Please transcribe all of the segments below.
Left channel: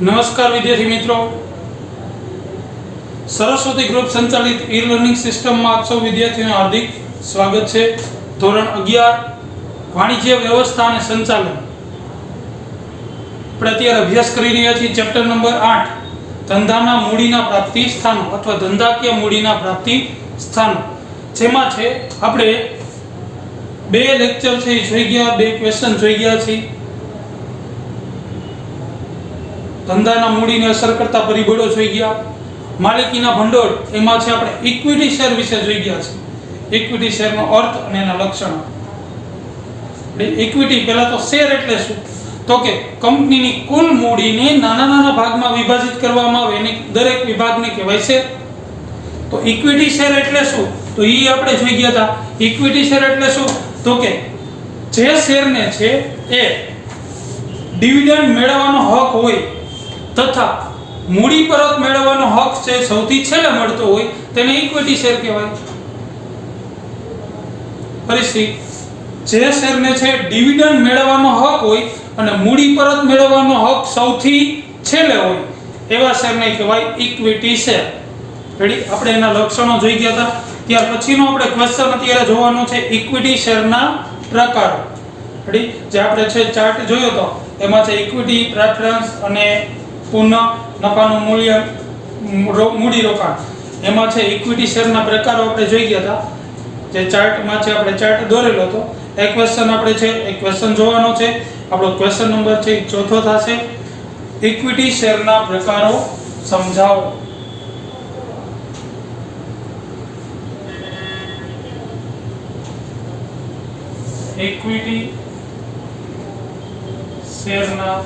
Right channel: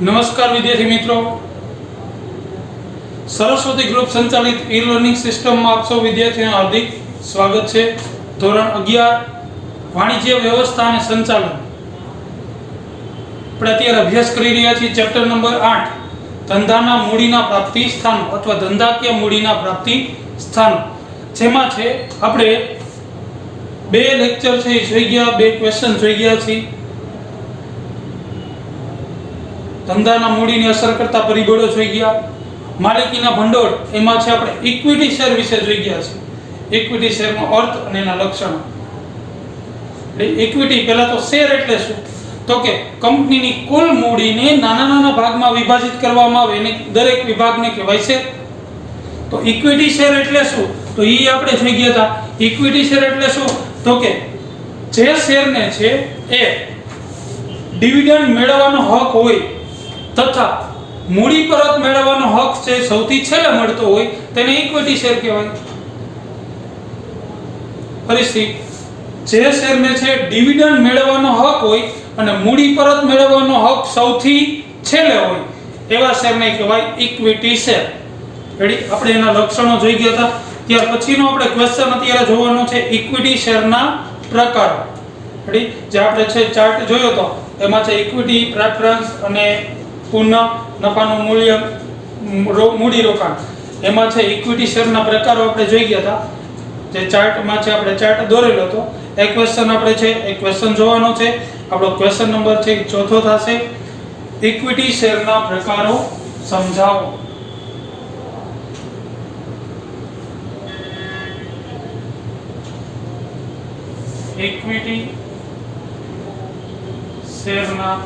નમસ્કાર વિદ્યાર્થી મિત્રો, સરસ્વતી ગ્રુપ સંચાલિત ઈ લર્નિંગ સિસ્ટમમાં આપ સૌ વિદ્યાર્થીઓનું હાર્દિક સ્વાગત છે। ધોરણ 11 વાણિજ્ય વ્યવસ્થા અને સંચાલન આપણે અત્યારે અભ્યાસ કરી રહ્યા છીએ। ચેપ્ટર નંબર 8 ધંધાના મૂડીના પ્રાપ્તિ સ્થાનો અથવા ધંધાકીય મૂડીના પ્રાપ્તિ સ્થાનો, જેમાં છે આપણે બે લેક્ચર છે એ જોઈ ગયા, બે ક્વેશ્ચન જોઈ ગયા છીએ। ધંધાના મૂડીને અસર કરતા પરિબળો જોઈ ગયા, માલિકીના ભંડોળ એમાં છે આપણે ઇક્વિટી શેર વિશે જોઈ ગયા છે, ઇક્વિટી શેરનો અર્થ અને એના લક્ષણો। ઇક્વિટી પહેલા તો શેર એટલે શું, તો કે કંપનીની કુલ મૂડીને નાના નાના ભાગમાં વિભાજિત કરવામાં આવે એને દરેક વિભાગને કહેવાય શેર। તો ઇક્વિટી શેર એટલે શું, તો એ આપણે જોઈ ગયા હતા। ઇક્વિટી શેર એટલે શું, તો કે જે શેરને છે એ ડિવિડન્ડ મેળવવાનો હક હોય તથા મૂડી પરત મેળવવાનો હક છે સૌથી છેલ્લે મળતો હોય તેને ઇક્વિટી શેર કહેવાય। ફરીથી, જે શેરને છે ડિવિડન્ડ મેળવવાનો હક હોય અને મૂડી પરત મેળવવાનો હક સૌથી છેલ્લે હોય એવા શેરને કહેવાય ઇક્વિટી શેર। રેડી, આપણે એના લક્ષણો જોઈ ગયા હતા। ત્યાર પછીનો આપણે ક્વેશ્ચન અત્યારે જોવાનો છે ઇક્વિટી શેરના પ્રકારો। રેડી, જે આપણે છે ચાર્ટ જોયો તો એમાં છે ઇક્વિટી, પ્રેફરન્સ અને પુનઃ નફાનું મૂલ્ય, મૂડી રોકાણ, એમાં છે ઇક્વિટી શેરના પ્રકારો આપણે જોઈ ગયા હતા। જે ચાર્ટમાં છે આપણે ચાર્ટ દોરેલો હતો। એક ક્વેશ્ચન આપણે છે એક ક્વેશ્ચન જોવાનો છે। આપણો ક્વેશ્ચન નંબર છે ચોથો થશે, ઇક્વિટી શેરના પ્રકારો સમજાવો। ઇક્વિટી શેરના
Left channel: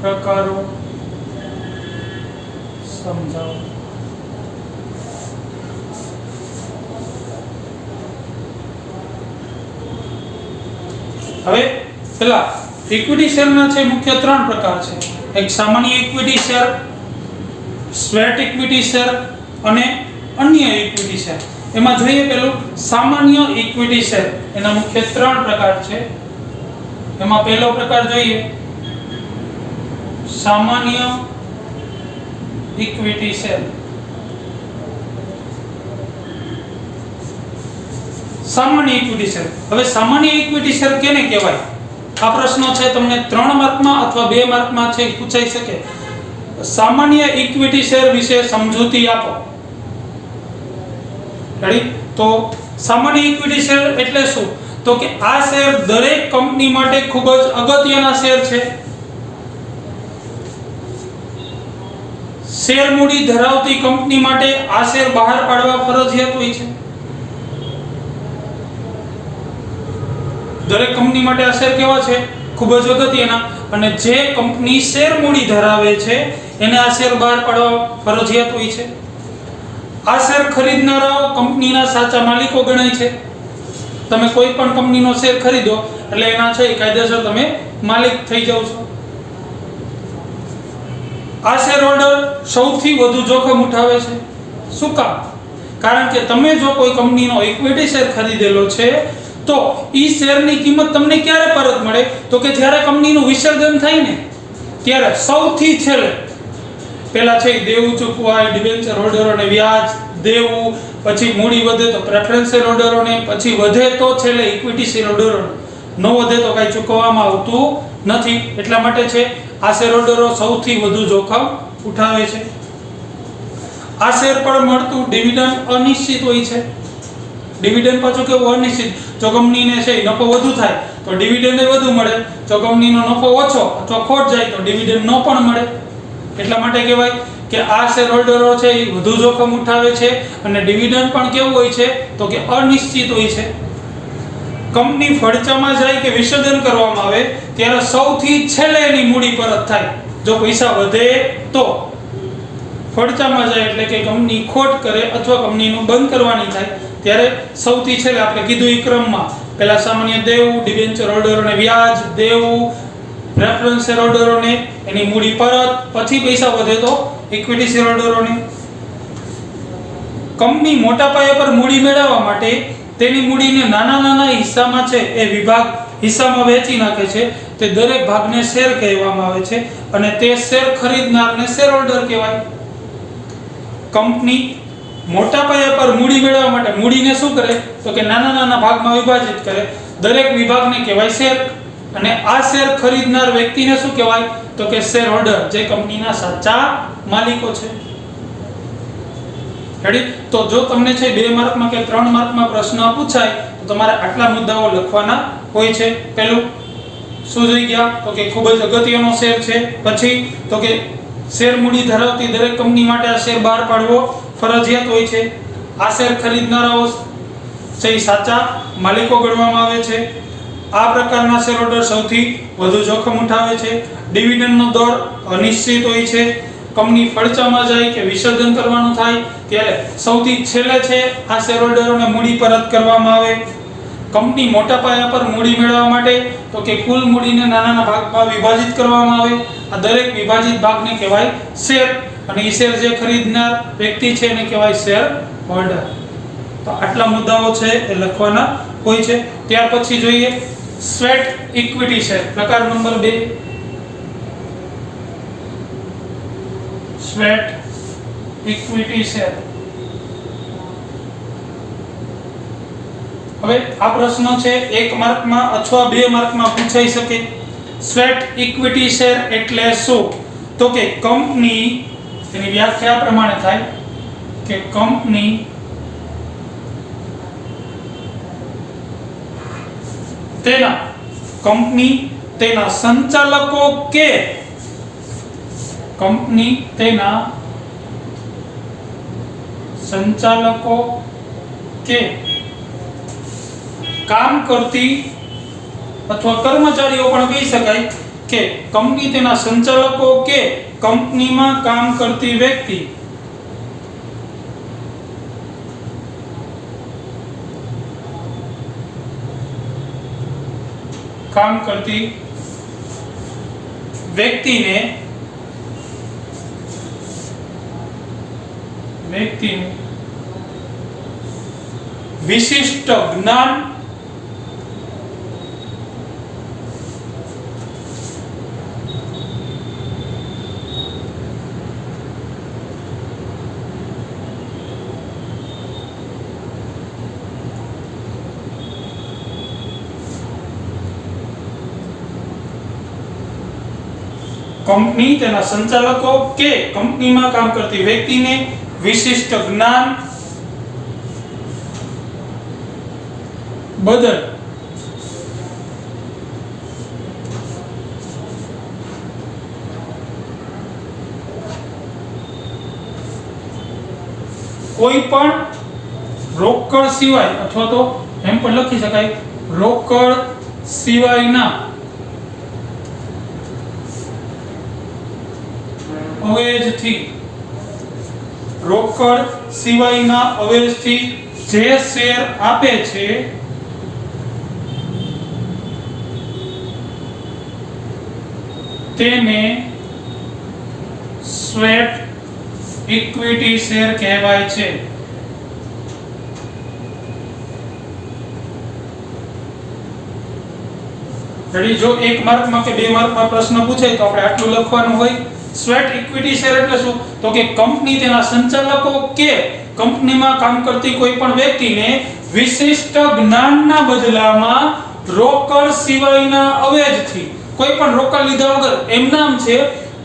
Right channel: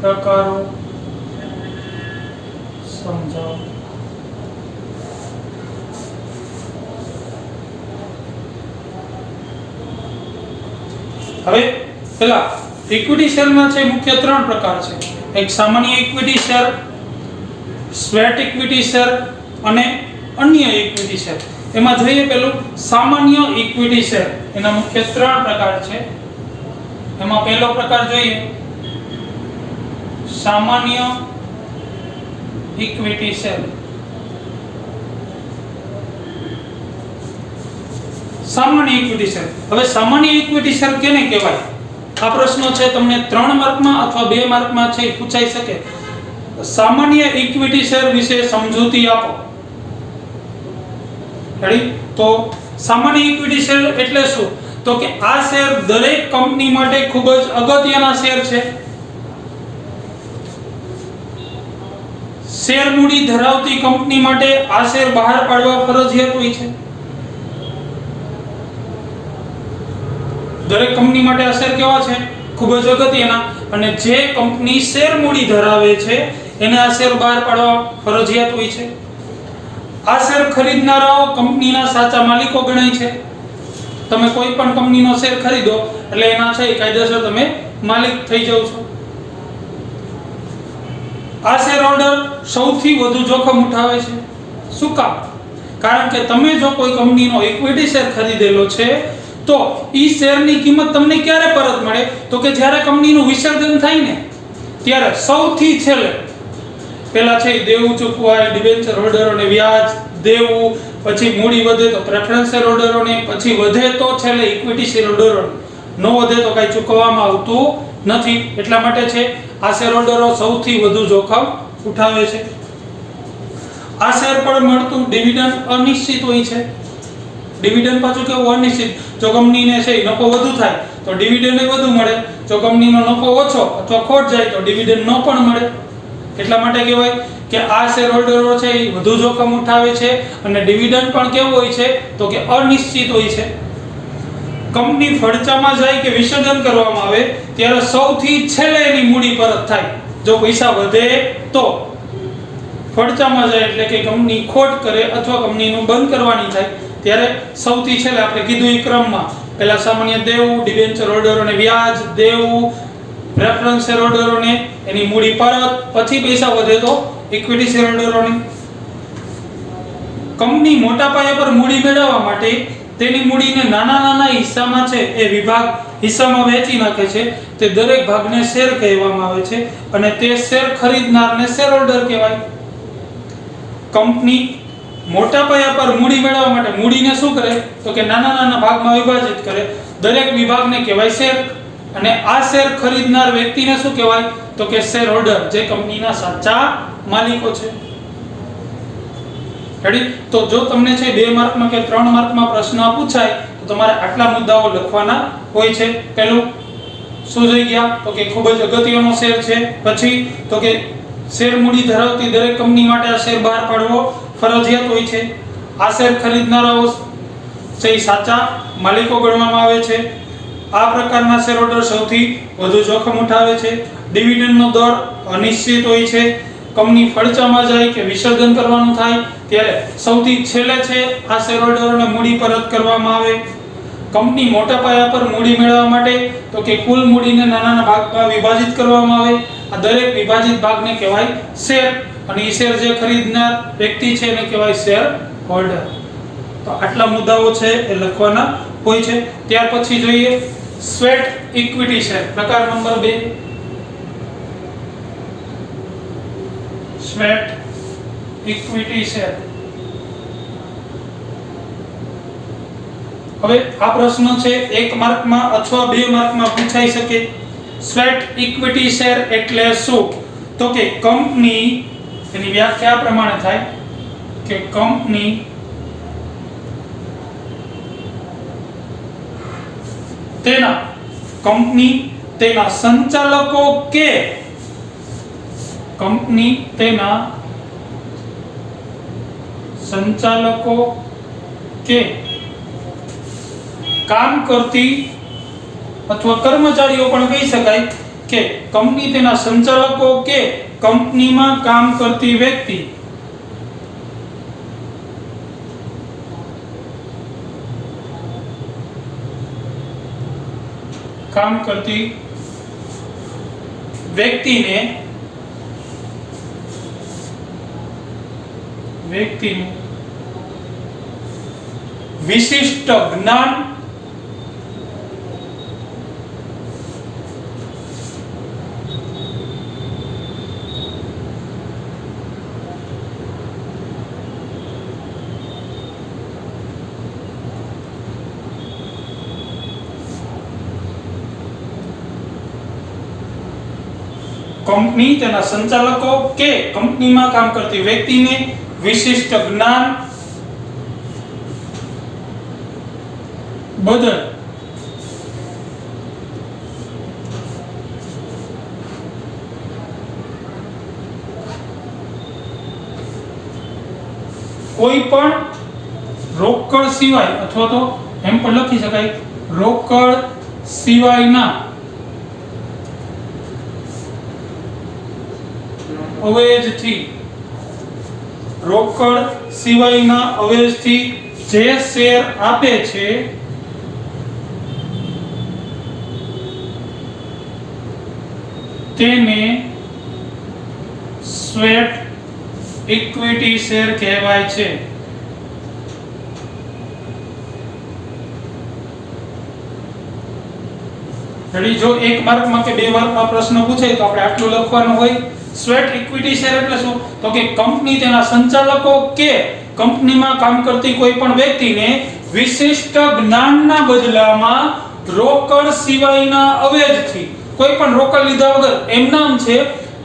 પ્રકારો સમજાવો। હવે પેલા ઇક્વિટી શેરના છે મુખ્ય ત્રણ પ્રકાર છે। એક સામાન્ય equity share, sweat equity share અને અન્ય ઇક્વિટી શેર। એમાં જોઈએ પેલું સામાન્ય ઇક્વિટી શેર, એના મુખ્ય ત્રણ પ્રકાર છે। એમાં પહેલો પ્રકાર જોઈએ સામાન્ય ઇક્વિટી શેર। સામાન્ય ઇક્વિટી શેર, હવે સામાન્ય ઇક્વિટી શેર કેને કહેવાય? આ પ્રશ્ન છે તમને 3 માર્કમાં અથવા 2 માર્કમાં છે પૂછાઈ શકે। સામાન્ય ઇક્વિટી શેર વિશે સમજૂતી આપો। રેડી, તો સામાન્ય ઇક્વિટી શેર એટલે શું, તો કે આ શેર દરેક કંપની માટે ખૂબ જ અગત્યના શેર છે। શેર મૂડી ધરાવતી કંપની માટે આ શેર બહાર પાડવા ફરજિયાત હોય છે। દરેક કંપની માટે આ શેર કેવા છે, ખૂબ જ અગત્યના, અને જે કંપની શેર મૂડી ધરાવે છે એને આ શેર બહાર પાડવા ફરજિયાત હોય છે। આ શેર ખરીદનારાઓ કંપનીના સાચા માલિકો ગણાય છે। તમે કોઈ પણ કંપનીનો શેર ખરીદો એટલે એના છે કાયદેસર તમે માલિક થઈ જાવ છો। આ શેર હોલ્ડર સૌથી વધુ જોખમ ઉઠાવે છે। શું કામ? કારણ કે તમે જો કોઈ કંપનીનો ઇક્વિટી શેર ખરીદેલો છે તો ઈ શેરની કિંમત તમને ક્યારે પરત મળે, તો કે જ્યારે કંપનીનું વિસર્જન થાય ને ત્યારે સૌથી છેલ્લે પહેલા છે દેવું ચૂકવાય, ડિબેન્ચર હોલ્ડરોને વ્યાજ દેવું, પછી મૂડી વધે તો પ્રેફરન્સ શેર હોલ્ડરોને, પછી વધે તો છેલ્લે ઇક્વિટી શેર હોલ્ડરોને, ન વધે તો કાંઈ ચૂકવવામાં આવતું નથી। એટલા માટે છે આ શેર હોલ્ડરો સૌથી વધુ જોખમ ઉઠાવે છે। આ શેર પર મળતું ડિવિડન્ડ અનિશ્ચિત હોય છે। ડિવિડન્ડ પાછું કેવું, અનિશ્ચિત। જો કંપનીને છે નફો વધુ થાય તો ડિવિડન્ડ વધુ મળે, જો કંપનીનો નફો ઓછો અથવા ખોટ જાય તો ડિવિડન્ડ ન પણ મળે। એટલા માટે કહેવાય કે આ શેર હોલ્ડરો છે એ વધુ જોખમ ઉઠાવે છે, અને ડિવિડન્ડ પણ કેવું હોય છે, તો કે અનિશ્ચિત હોય છે। કંપની ફડચામાં જાય કે વિસર્જન કરવામાં આવે ત્યારે સૌથી છેલ્લે એની મૂડી પરત થાય। જો પૈસા વધે તો ફડચામાં જાય એટલે કે કંપની ખોટ કરે અથવા કંપનીનું બંધ કરવાની થાય ત્યારે સૌથી છેલ્લે આપણે કીધું એ ક્રમમાં પહેલા સામાન્ય દેવું, ડિબેન્ચર હોલ્ડરોને વ્યાજ દેવું, પ્રેફરન્સ શેર હોલ્ડરોને એની મૂડી પરત, પછી પૈસા વધે તો ઇક્વિટી શેર હોલ્ડરોને। કંપની મોટા પાયા પર મૂડી મેળવવા માટે તેની મૂડીને નાના નાના હિસ્સામાં છે એ વિભાગ હિસ્સામાં વહેંચી નાખે છે તે દરેક ભાગને શેર કહેવામાં આવે છે અને તે શેર ખરીદનારને શેર હોલ્ડર કહેવાય. કંપની મોટા પાયા પર મૂડી મેળવવા માટે મૂડીને શું કરે તો કે નાના નાના ભાગમાં વિભાજિત કરે. દરેક વિભાગને કહેવાય શેર અને આ શેર ખરીદનાર વ્યક્તિને શું કહેવાય તો કે શેર હોલ્ડર, જે કંપનીના સાચા માલિકો છે. રેડી? તો જો તમને છે 2 માર્કમાં કે 3 માર્કમાં પ્રશ્ન પૂછાય તો તમારે આટલા મુદ્દાઓ લખવાના હોય છે. પહેલું શું જોઈ ગયા તો કે ખૂબ જ અગત્યનો શેર છે. પછી તો કે શેર મૂડી ધરાવતી દરેક કંપની માટે આ શેર બહાર પાડવો ફરજિયાત હોય છે. આ શેર ખરીદનારાઓ છે સાચા માલિકો ગણવામાં આવે છે. આ પ્રકારના શેર હોલ્ડર સૌથી વધુ જોખમ ઉઠાવે છે. ડિવિડન્ડનો દર અનિશ્ચિત હોય છે. કંપની ફડચામાં જાય કે વિસર્જન કરવાનું થાય ત્યારે સૌથી છેલ્લે છે આ શેર હોલ્ડરોને મૂડી પરત કરવામાં આવે. કંપની મોટા પાયા પર મૂડી મેળવવા માટે તો કે કુલ મૂડીને નાના નાના ભાગમાં વિભાજિત કરવામાં આવે. આ દરેક વિભાજિત ભાગને કહેવાય શેર અને એ શેર જે ખરીદનાર વ્યક્તિ છે એને કહેવાય શેર હોલ્ડર. તો આટલા મુદ્દાઓ છે એ લખવાના હોય છે. ત્યાર પછી જોઈએ સ્વેટ ઇક્વિટી શેર, પ્રકાર નંબર 2. Sweat equity share. હવે આ પ્રશ્ન છે 1 માર્કમાં અથવા 2 માર્કમાં પૂછાઈ શકે. સ્વેટ ઇક્વિટી શેર એટલે શું તો કે કંપની, એની વ્યાખ્યા આ પ્રમાણે થાય કે કંપની તેના સંચાલકો કે કંપની તેના સંચાલકો કે કામ કરતી અથવા કર્મચારીઓ પણ કહી શકાય કે કંપની તેના સંચાલકો કે કંપનીમાં કામ કરતી વ્યક્તિ વ્યક્તિને વિશિષ્ટ જ્ઞાન કંપની તેના સંચાલકો કે કંપનીમાં કામ કરતી વ્યક્તિને વિશિષ્ટ જ્ઞાન બદલ કોઈ પણ રોકડ સિવાય અથવા તો એમ પણ લખી શકાય રોકડ સિવાયના અવેજથી જે શેર આપે છે તેને સ્વેટ ઇક્વિટી શેર કહેવાય છે. જો 1 માર્કમાં કે 2 માર્કમાં પ્રશ્ન પૂછાય તો આપણે આટલું લખવાનું હોય. સ્વેટ ઇક્વિટી શેર એટલે શું તો કે કંપની તેના સંચાલકો કે કંપનીમાં કામ કરતી કોઈ પણ વ્યક્તિને વિશિષ્ટ જ્ઞાનના બદલામાં રોકડ સિવાયના અવેજથી, કોઈ પણ રોકડ લીધા વગર એમ નામ છે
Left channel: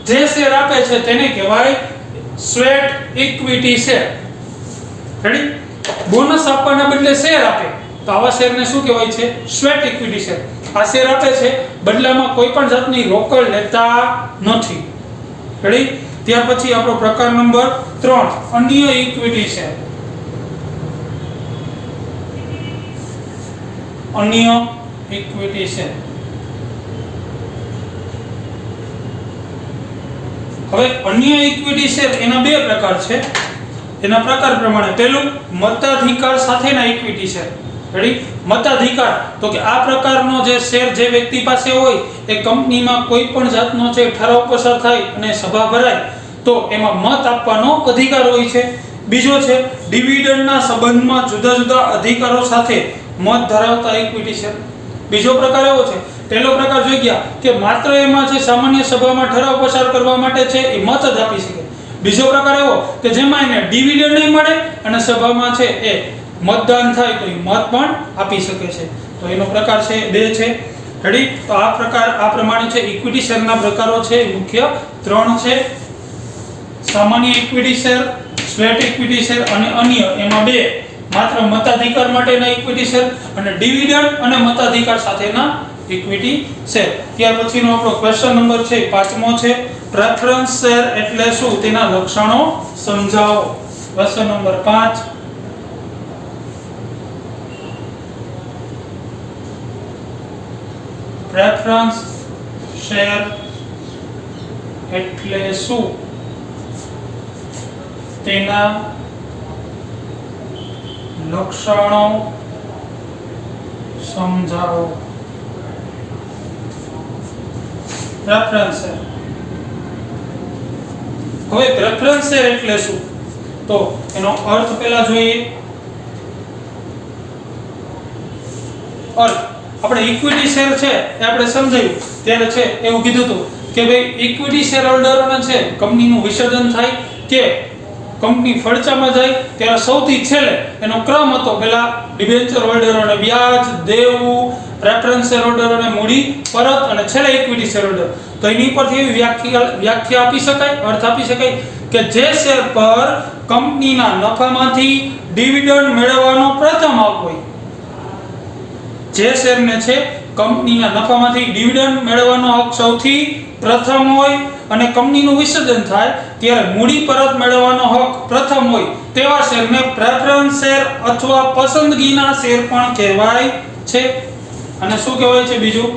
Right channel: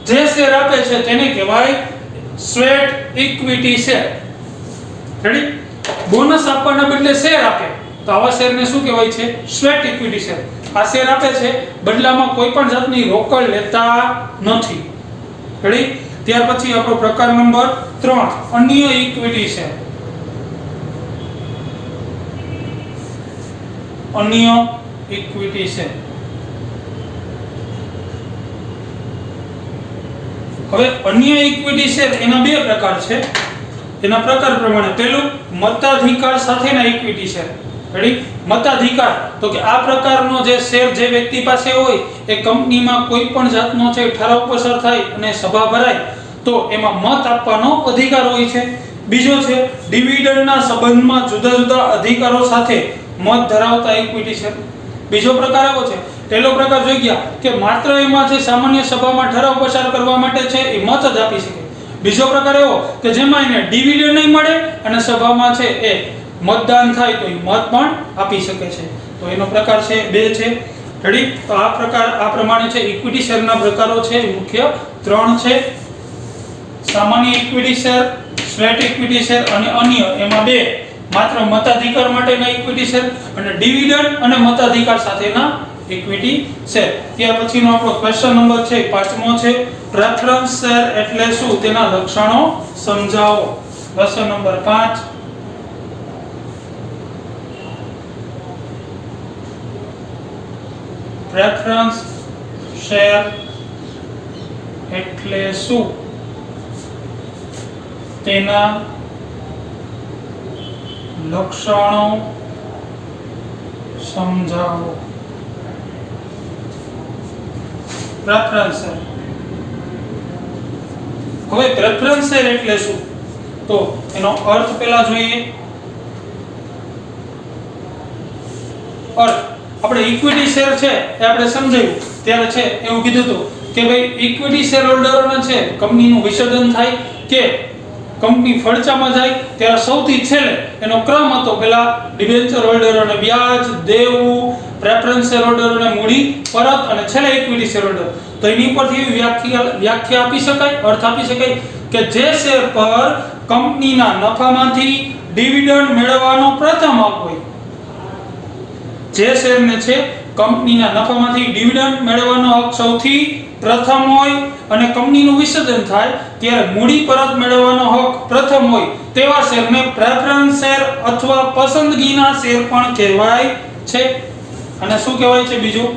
જે શેર આપે છે તેને કહેવાય sweat equity share. Ready? Bonus આપવાના બદલે શેર આપે તો આવા શેરને શું કહેવાય છે? Sweat equity share. આ શેર આપે છે બદલામાં કોઈ પણ જાતની રોકડ લેતા નથી. રેડી? ત્યાર પછી આપણો પ્રકાર નંબર 3 અન્ય ઇક્વિટી શેર. અન્ય ઇક્વિટી શેર. હવે અન્ય ઇક્વિટી શેર એના 2 પ્રકાર છે. એના પ્રકાર પ્રમાણે પહેલું મતાધિકાર સાથેના ઇક્વિટી શેર. રેડી? મતાધિકાર તો કે આ પ્રકારનો જે શેર જે વ્યક્તિ પાસે હોય એ કંપનીમાં કોઈ પણ જાતનો છે ઠરાવ પસાર થાય અને સભા ભરાય તો એમાં મત આપવાનો અધિકાર હોય છે. બીજો છે ડિવિડન્ડના સંબંધમાં જુદા જુદા અધિકારો સાથે મત ધરાવતા ઇક્વિટી શેર. બીજો પ્રકાર એવો છે, પહેલો પ્રકાર જોઈ ગયા કે માત્ર એમાં છે સામાન્ય સભામાં ઠરાવ પસાર કરવા માટે છે એ મત જ આપી શકે. બીજો પ્રકાર એવો કે જેમાં એને ડિવિડન્ડ નહીં મળે અને સભામાં છે એ મતદાન થાય તો એ મત પણ આપી શકે છે. તો એનો પ્રકાર છે 2 છે. રેડી? તો આ પ્રકાર આ પ્રમાણે છે ઇક્વિટી શેરના પ્રકારો છે એ મુખ્ય 3 છે. સામાન્ય equity share, sweat equity share અને અન્ય, એમાં 2 માત્ર મતાધિકાર માટેના ઇક્વિટી શેર અને ડિવિડન્ડ અને મતાધિકાર સાથેના ઇક્વિટી શેર. ત્યાર પછીનો આપણો ક્વેશ્ચન નંબર છે 5મો છે, પ્રેફરન્સ શેર એટલે શું, તેના લક્ષણો સમજાવો. ક્વેશ્ચન નંબર 5, પ્રેફરન્સ શેર એટલે શું, તેના લક્ષણો સમજાવો. Preference share. હવે પ્રેફરન્સ શેર એટલે શું, તો એનો અર્થ પહેલા જોઈએ. અર્થ આપણે ઇક્વિટી શેર છે એ આપણે સમજાયું ત્યારે છે એવું કીધું હતું કે ભાઈ ઇક્વિટી શેર હોલ્ડરોને છે કંપનીનું વિસર્જન થાય કે કંપની ફડચામાં જાય ત્યારે સૌથી છેલ્લે એનો ક્રમ હતો, પહેલા ડિબેન્ચર હોલ્ડરોને વ્યાજ દેવું, પ્રેફરન્સ શેર હોલ્ડરોને મૂડી પરત અને છેલ્લે ઇક્વિટી શેર હોલ્ડર. તો એની પરથી એવી વ્યાખ્યા આપી શકાય, અર્થ આપી શકાય કે જે શેર પર કંપનીના નફામાંથી ડિવિડન્ડ મેળવવાનો પ્રથમ હક હોય, જે શેરને છે કંપનીના નફામાંથી ડિવિડન્ડ મેળવવાનો હક સૌથી પ્રથમ હોય અને કંપનીનું વિસર્જન થાય ત્યારે મૂડી પરત મેળવવાનો હક પ્રથમ હોય તેવા શેરને પ્રેફરન્સ શેર અથવા પસંદગીના શેર પણ કહેવાય છે. અને શું કહેવાય છે બીજું?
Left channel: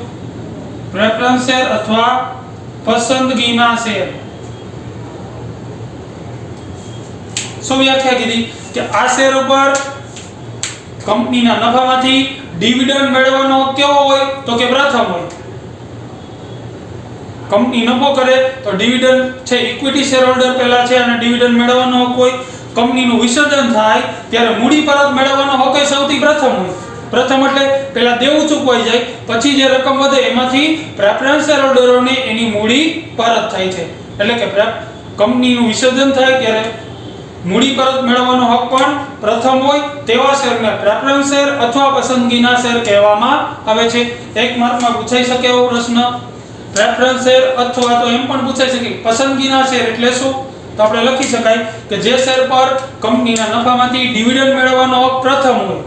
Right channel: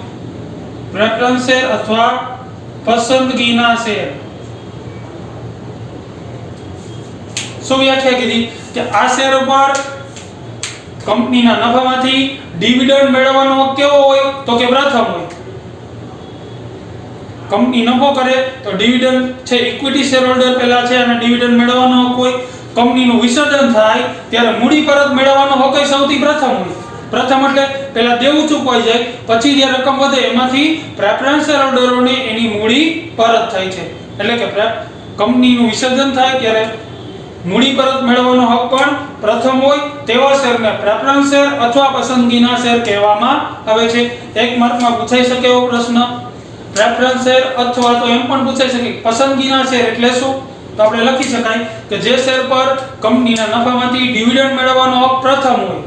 પ્રેફરન્સ શેર અથવા પસંદગીના શેર. શું વ્યાખ્યા કીધી કે આ શેર ઉપર કંપનીના નફામાંથી ડિવિડન્ડ મેળવવાનો કેવો હોય, તો કે પ્રથમ હોય. કંપની નફો કરે તો ડિવિડન્ડ છે ઇક્વિટી શેર હોલ્ડર પહેલા છે અને ડિવિડન્ડ મેળવવાનો હક હોય. કંપનીનું વિસર્જન થાય ત્યારે મૂડી પરત મેળવવાનો હક સૌથી પ્રથમ હોય. પ્રથમ એટલે પહેલા દેવું ચૂકવાઈ જાય, પછી જે રકમ વધે એમાંથી પ્રેફરન્સ શેર હોલ્ડરોને એની મૂડી પરત થાય છે. એટલે કે કંપનીનું વિસર્જન થાય ત્યારે મૂડી પરત મેળવવાનો હક પણ પ્રથમ હોય તેવા શેરને પ્રેફરન્સ શેર અથવા પસંદગીના શેર કહેવામાં આવે છે. 1 માર્કમાં પૂછાઈ શકે એવો પ્રશ્ન. પ્રેફરન્સ શેર અથવા તો એમ પણ પૂછાઈ શકે પસંદગીના શેર એટલે શું, તો આપણે લખી શકાય કે જે શેર પર કંપનીના નફામાંથી ડિવિડન્ડ મેળવવાનો હક પ્રથમ હોય,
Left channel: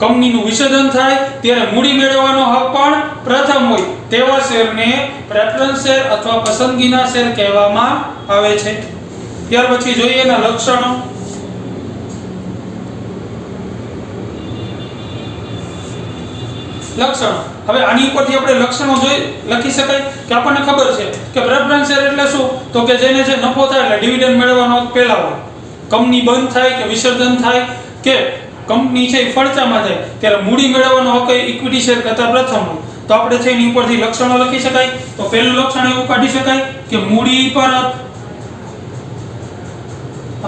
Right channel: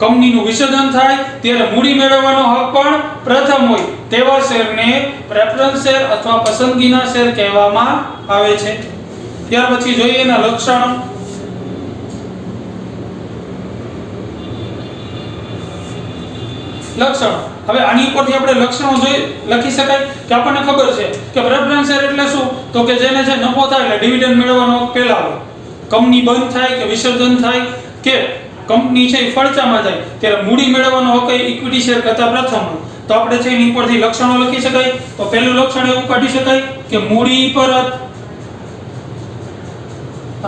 કંપનીનું વિસર્જન થાય ત્યારે મૂડી મેળવવાનો હક પણ પ્રથમ હોય તેવા શેરને પ્રેફરન્સ શેર અથવા પસંદગીના શેર કહેવામાં આવે છે. ત્યાર પછી જોઈએ એના લક્ષણો. લક્ષણો. હવે આની ઉપરથી આપણે લક્ષણો લખી શકાય કે આપણને ખબર છે કે પ્રેફરન્સ શેર એટલે શું, તો કે જેને છે નફો થાય એટલે ડિવિડન્ડ મેળવવાનો પહેલા હોય, કંપની બંધ થાય કે વિસર્જન થાય કે કંપની છે ફડચામાં જાય ત્યારે મૂડી મેળવવાનો હક ઇક્વિટી શેર કરતા પ્રથમ હોય. તો આપણે છે એની ઉપરથી લક્ષણો લખી શકાય. તો પહેલું લક્ષણ એવું કાઢી શકાય કે મૂડી પરત.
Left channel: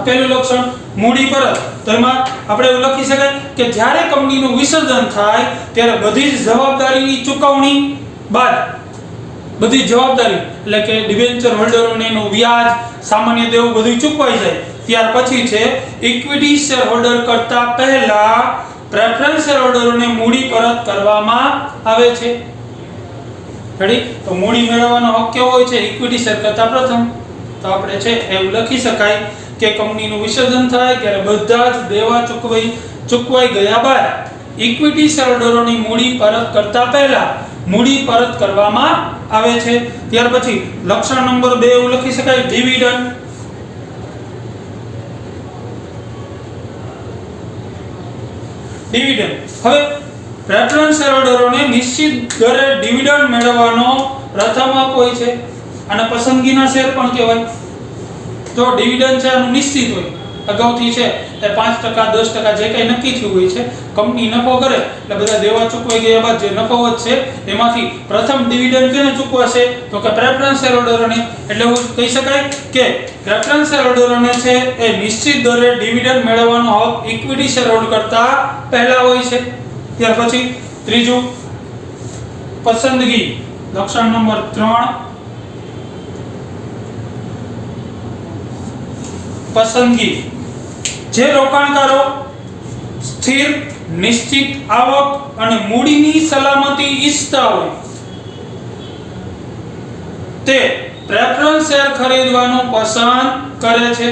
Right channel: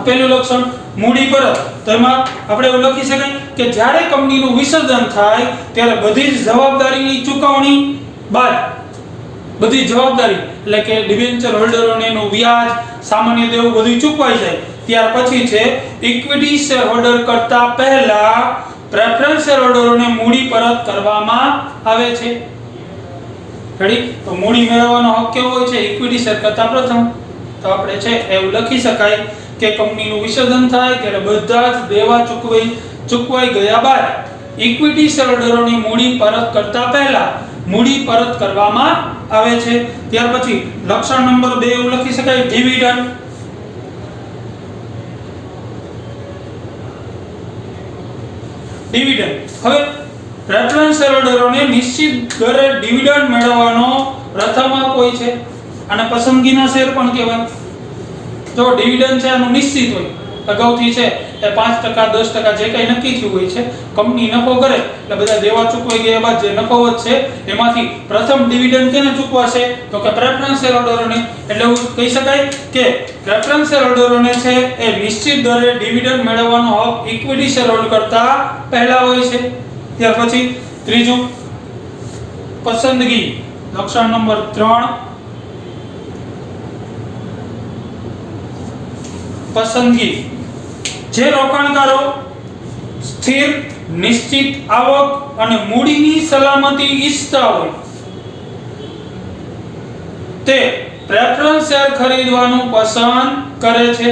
પહેલું લક્ષણ મૂડી પરત. તો એમાં આપણે એવું લખી શકાય કે જ્યારે કંપનીનું વિસર્જન થાય ત્યારે બધી જ જવાબદારીની ચૂકવણી બાદ, બધી જવાબદારી એટલે કે ડિબેન્ચર હોલ્ડરોને એનું વ્યાજ, સામાન્ય દેવું બધું ચૂકવાઈ જાય ત્યાર પછી છે ઇક્વિટી શેર હોલ્ડર કરતા પહેલા પ્રેફરન્સ શેર હોલ્ડરોને મૂડી પરત કરવામાં આવે છે. રેડી? તો મૂડી મેળવવાનો હક કેવો હોય છે? ઇક્વિટી શેર કરતા પ્રથમ. તો આપણે છે એવું લખી શકાય કે કંપનીનું વિસર્જન થાય ત્યારે બધા જ દેવા ચૂકવાઈ ગયા બાદ ઇક્વિટી શેર હોલ્ડરોની મૂડી પરત કરતા પહેલા મૂડી પરત કરવામાં આવે છે. ત્યાર પછી લક્ષણ નંબર 2 એવું લખી શકાય ડિવિડન્ડ. ડિવિડન્ડ. હવે પ્રેફરન્સ શેર હોલ્ડરોને નિશ્ચિત દરે ડિવિડન્ડ મેળવવાનો પ્રથમ હક હોય છે. આને પસંદગીના શેર પણ કહેવાય. તો ડિવિડન્ડ છે આનું નિશ્ચિત હોય, અગાઉથી છે એ 5%, 10% જે કંઈ નક્કી થયું હોય છે. કંપની નફો કરે એટલે બધા દેવા ચૂકવાઈ ગયા બાદ જે નફો વધશે એમાંથી પ્રથમ ડિવિડન્ડ કેને ચૂકવાશે, તો કે પ્રેફરન્સ શેર હોલ્ડરોને. એટલે એવું કહી શકાય કે પ્રેફરન્સ શેર હોલ્ડરોને છે એ નિશ્ચિત દરે ડિવિડન્ડ મેળવવાનો હક ઇક્વિટી શેર હોલ્ડર કરતા પહેલા હોય છે. ત્યાર પછી ત્રીજું પસંદગી. લક્ષણ નંબર 3 પસંદગી. જે રોકાણકારો સ્થિર નિશ્ચિત આવક અને મૂડીની સલામતી ઈચ્છતા હોય તે પ્રેફરન્સ શેર ખરીદવાનું પસંદ કરે છે.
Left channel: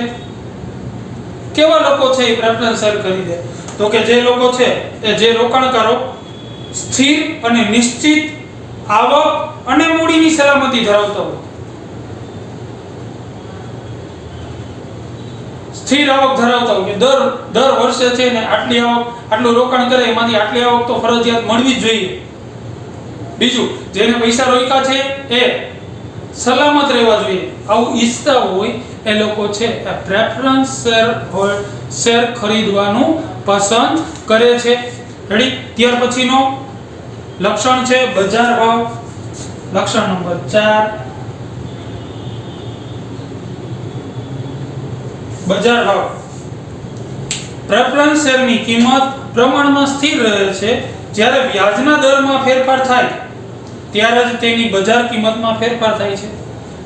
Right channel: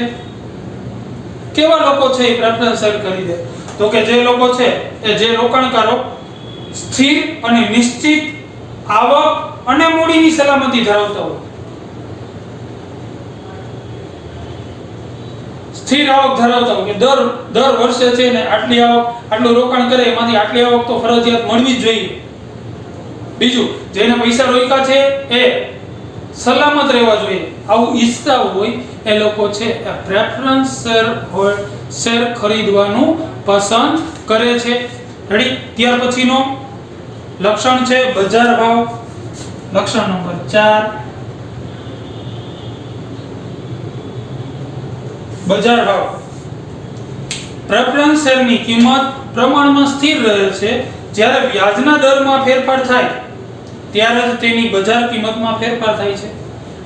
કેવા લોકો છે એ પ્રેફરન્સ શેર ખરીદે? તો કે જે લોકો છે એ જે રોકાણકારો સ્થિર અને નિશ્ચિત આવક અને મૂડીની સલામતી ધરાવતા હોય. સ્થિર આવક ધરાવતા હોય કે દર વર્ષે છે ને આટલી આવક, આટલું રોકાણ કરે એમાંથી આટલી આવક તો ફરજિયાત મળવી જ જોઈએ. બીજું, જેને પૈસા રોક્યા છે એ સલામત રહેવા જોઈએ, આવું ઈચ્છતા હોય એ લોકો છે એ પ્રેફરન્સ શેર ખરીદવાનું પસંદ કરે છે. રેડી? ત્યાર પછીનો લક્ષણ છે બજાર ભાવ. લક્ષણ નંબર 4 બજાર ભાવ. પ્રેફરન્સ શેરની કિંમત પ્રમાણમાં સ્થિર રહે છે. જ્યારે વ્યાજના દરમાં ફેરફાર થાય ત્યારે જ તેની બજાર કિંમતમાં ફેરફાર થાય છે.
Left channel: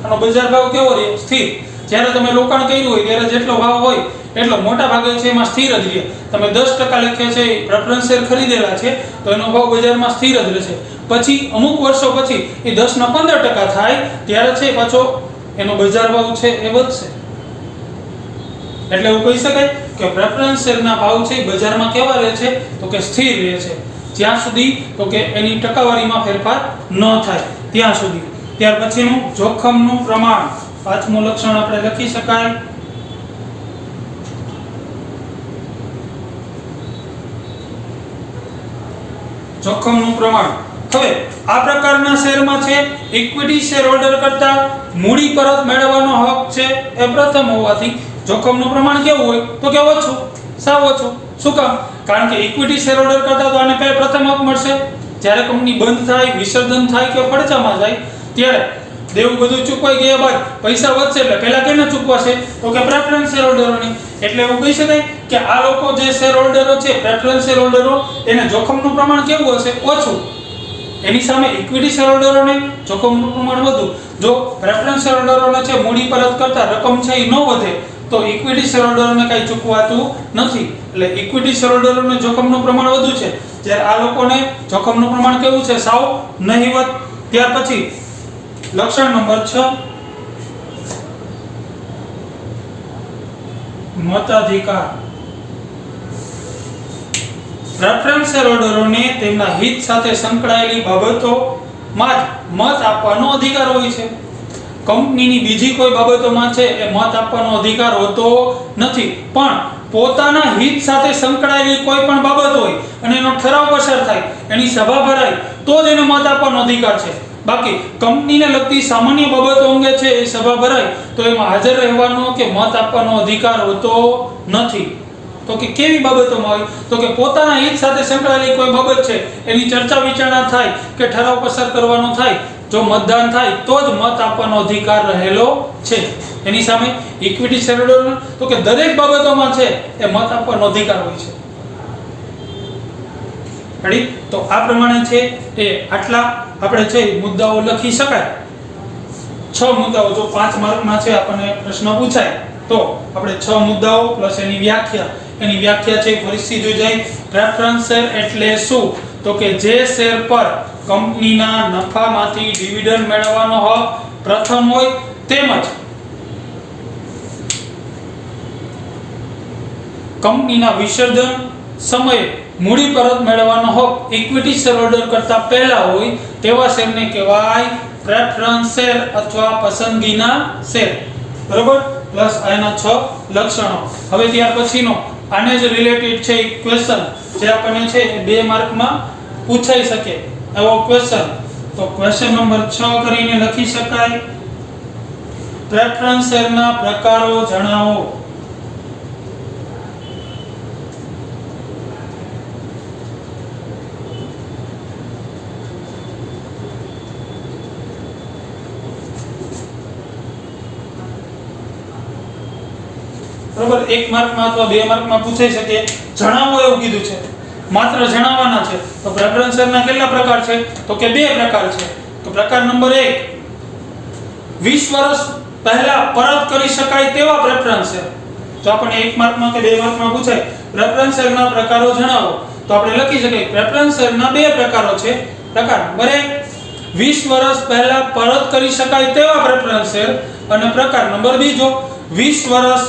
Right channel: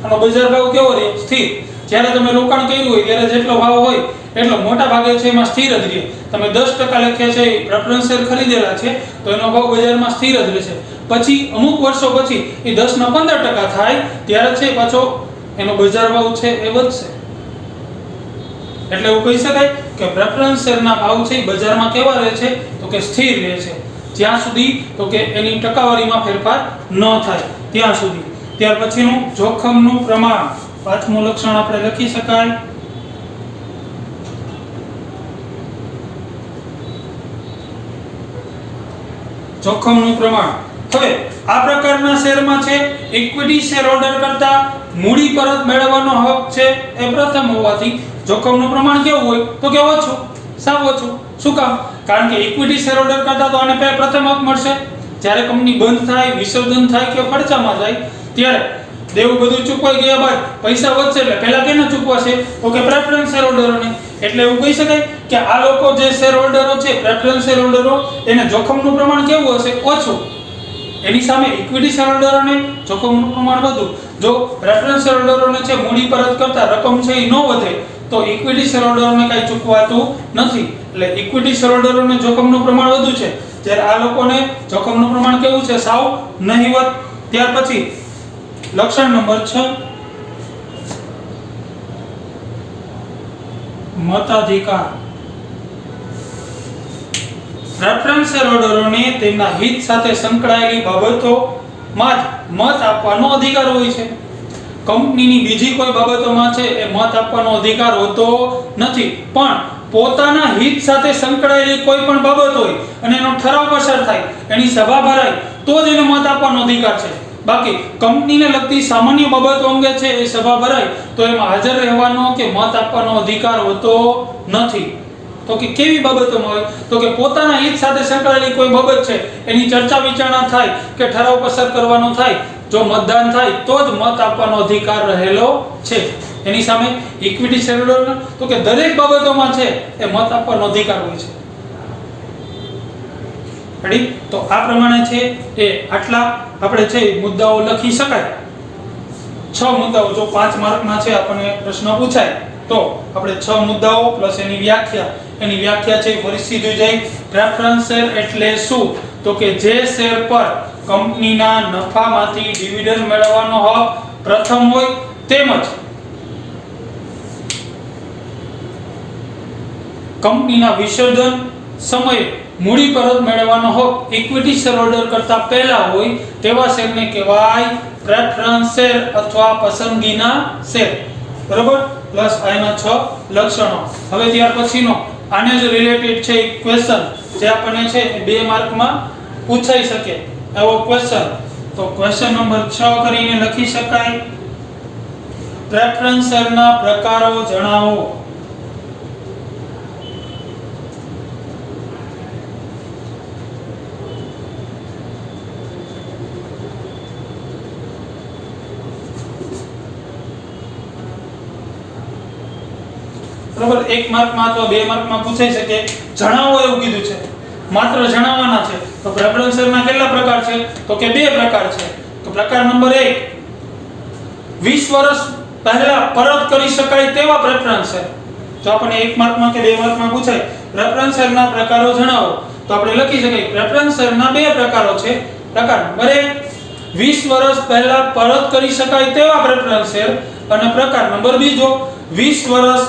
આનો બજાર ભાવ કેવો રહે? સ્થિર. જ્યારે તમે રોકાણ કર્યું હોય ત્યારે જેટલો ભાવ હોય એટલો મોટા ભાગે છે એમાં સ્થિર જ રહે. તમે 10% લખે છે પ્રેફરન્સ શેર ખરીદેલા છે તો એનો ભાવ બજારમાં સ્થિર જ રહેશે. પછી અમુક વર્ષો પછી એ 10 ના 15% થાય ત્યારે છે પાછો એનો બજાર ભાવ છે એ વધશે. એટલે એવું કહી શકાય કે પ્રેફરન્સ શેરના ભાવ છે એ બજારમાં કેવા રહે છે? તો કે સ્થિર રહે છે. જ્યાં સુધી તો કે એની ટકાવારીમાં ફેરફાર ન થાય ત્યાં સુધી. ત્યાર પછીનું જોખમનું પ્રમાણ. પાંચમું લક્ષણ આપણે લખી શકાય જોખમનું પ્રમાણ. હવે આ પ્રકારના શેરમાં છે ઇક્વિટી શેર હોલ્ડર કરતા મૂડી પરત મેળવવાનો હક છે એ પ્રથમ હોવાથી જોખમનું પ્રમાણ કેવું હોય? તો કે ઓછું, સાવ ઓછું. શું કામ? કારણ કે ઇક્વિટી શેર હોલ્ડર કરતા તો આને પ્રથમ હક મળશે. જ્યારે કંપની બંધ થાય, વિસર્જન થાય કે ફડચામાં જાય ત્યારે દેવું બધું ચૂકવાઈ ગયા બાદ પૈસા વધશે એટલે પહેલા કેને ચૂકવાશે? તો કે પ્રેફરન્સ શેર હોલ્ડરોને. એટલે એવું કહી શકાય કે આ લોકો જે શેર હોલ્ડરો છે, પ્રેફરન્સ શેર હોલ્ડરો, એને જોખમનું પ્રમાણ કેવું હશે? ઓછું. એની સામે ઇક્વિટી શેર હોલ્ડરોને જોખમનું પ્રમાણ વધુ. જો પ્રેફરન્સ શેર હોલ્ડરોને છે મૂડી પરત કરતા રકમ છે એ ન વધે તો ઇક્વિટી શેર હોલ્ડરોને કાંઈ ચૂકવાતું નથી. એટલે ઇક્વિટી શેર હોલ્ડરોને જોખમનું પ્રમાણ વધુ છે, જ્યારે આ લોકોને જોખમનું પ્રમાણ કેવું છે? સાવ નહિવત. ત્યાર પછી લક્ષણ નંબર 6 મતાધિકાર. પ્રેફરન્સ શેર હોલ્ડરોને તેમના હિત સાથે સંકળાયેલી બાબતોમાં જ મત આપવાનો અધિકાર હોય છે. કંપનીની બીજી કોઈ બાબતોમાં છે એ મત આપવાનો અધિકાર હોતો નથી. પણ પોતાના હિત સાથે સંકળાયેલી કોઈ પણ બાબત હોય અને એનો ઠરાવ પસાર થાય, એની સભા ભરાય તો જ એને મત આપવાનો અધિકાર છે. બાકી કંપનીને લગતી સામાન્ય બાબતો અંગે છે એ સભા ભરાય તો એમાં હાજર રહેવાનો કે મત આપવાનો અધિકાર હોતો નથી. તો કે કેવી બાબતોમાં હોય? તો કે પોતાના હિત સાથે સંકળાયેલી કોઈ બાબત છે એની ચર્ચા વિચારણા થાય કે ઠરાવ પસાર કરવાનો થાય, જો મતદાન થાય તો જ મત આપવાનો અધિકાર રહેલો છે. એની સામે ઇક્વિટી શેર હોલ્ડર તો કે દરેક બાબતોમાં છે એ મત આપવાનો અધિકાર હોય છે. રેડી? તો આ પ્રમાણે છે એ આટલા આપણે છે મુદ્દાઓ લખી શકાય. 6 મુદ્દાઓ. જો 5 માર્કમાં છે આપણને પ્રશ્ન પૂછાય તો આપણે 6 મુદ્દાઓ પ્લસ એની વ્યાખ્યા છે ફરીથી જોઈ જાય. પ્રેફરન્સ શેર એટલે શું? તો કે જે શેર પર કંપનીના નફામાંથી ડિવિડન્ડ મેળવવાનો હક પ્રથમ હોય તેમજ કંપનીના વિસર્જન સમયે મૂડી પરત મેળવવાનો હક ઇક્વિટી શેર હોલ્ડર કરતા પહેલા હોય તેવા શેરને કહેવાય પ્રેફરન્સ શેર અથવા પસંદગીના શેર. બરોબર? પ્લસ આના 6 લક્ષણો. હવે ત્યાર પછીનો આને જ રિલેટેડ છે એક ક્વેશ્ચન જે આપણને છે 2 માર્કમાં પૂછાઈ શકે એવો ક્વેશ્ચન. તો ક્વેશ્ચન નંબર 6 કરીને લખી શકાય પ્રેફરન્સ શેરના પ્રકારો જણાવો. બરાબર? 1 માર્કમાં અથવા 2 માર્કમાં પૂછાઈ શકે. જણાવો એવું કીધું છે, માત્ર જણાવવાના છે. તો પ્રેફરન્સ શેરના કેટલા પ્રકાર છે? તો કે બે પ્રકાર છે. તો પ્રકાર નંબર 1, 20 વર્ષ પહેલા પરત કરી શકાય તેવા પ્રેફરન્સ શેર. તો આપણે 1 માર્કમાં કે 2 માર્કમાં પૂછાય પ્રેફરન્સ શેરના પ્રકારો જણાવો, તો આપણે લખી શકીએ પ્રેફરન્સ શેરના બે પ્રકારો છે. પ્રકાર નંબર 1, 20 વર્ષ પહેલા પરત કરી શકાય તેવા પ્રેફરન્સ શેર, અને પ્રકાર નંબર 2, 20 વર્ષ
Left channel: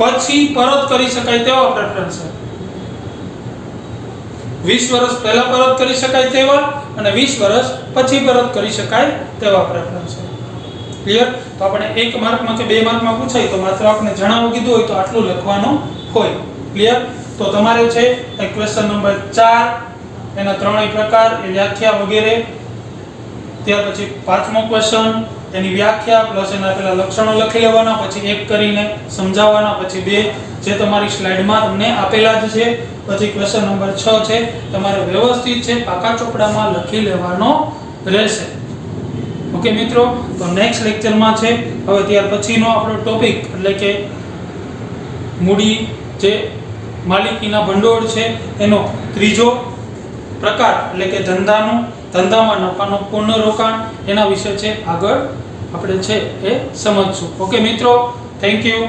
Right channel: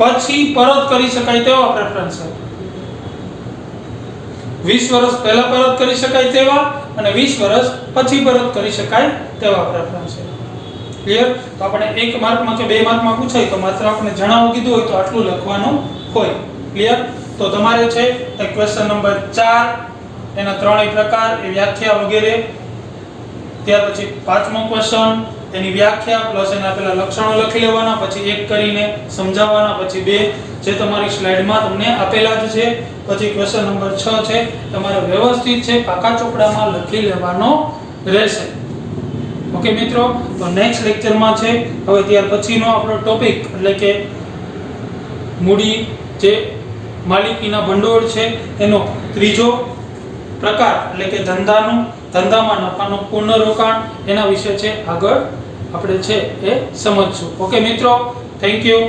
પછી પરત કરી શકાય તેવા પ્રેફરન્સ શેર. 20 વર્ષ પહેલા પરત કરી શકાય તેવા અને 20 વર્ષ પછી પરત કરી શકાય તેવા પ્રેફરન્સ શેર. ક્લિયર? તો આપણે 1 માર્કમાં કે 2 માર્કમાં પૂછાય તો માત્ર આપણે જણાવવું કીધું હોય તો આટલું લખવાનું હોય. ક્લિયર? તો તમારે છે ક્વેશ્ચન નંબર 4 એના ત્રણેય પ્રકાર, એ વ્યાખ્યા વગેરે, ત્યાર પછી પાંચમો ક્વેશ્ચન એની વ્યાખ્યા પ્લસ એના પેલા લક્ષણો લખી લેવાના, પછી એક કરીને સમજાવવાના, પછી 2 જે તમારી સ્લાઇડમાં તમને આપેલા જ છે, પછી ક્વેશ્ચન નંબર 6 છે તમારે વ્યવસ્થિત છે પાકા ચોપડામાં લખી લેવાનો રહેશે. ઓકે મિત્રો, તો નેક્સ્ટ લેક્ચરમાં છે હવે ત્યાર પછીનો આપણો ટોપિક એટલે કે મૂડી જે માલિકીના ભંડોળ છે એનો ત્રીજો પ્રકાર એટલે કે ધંધામાં નફાનું પુનઃરોકાણ, એના વિશે છે આગળ આપણે છે એ સમજશું. ઓકે મિત્રો, થેન્ક યુ.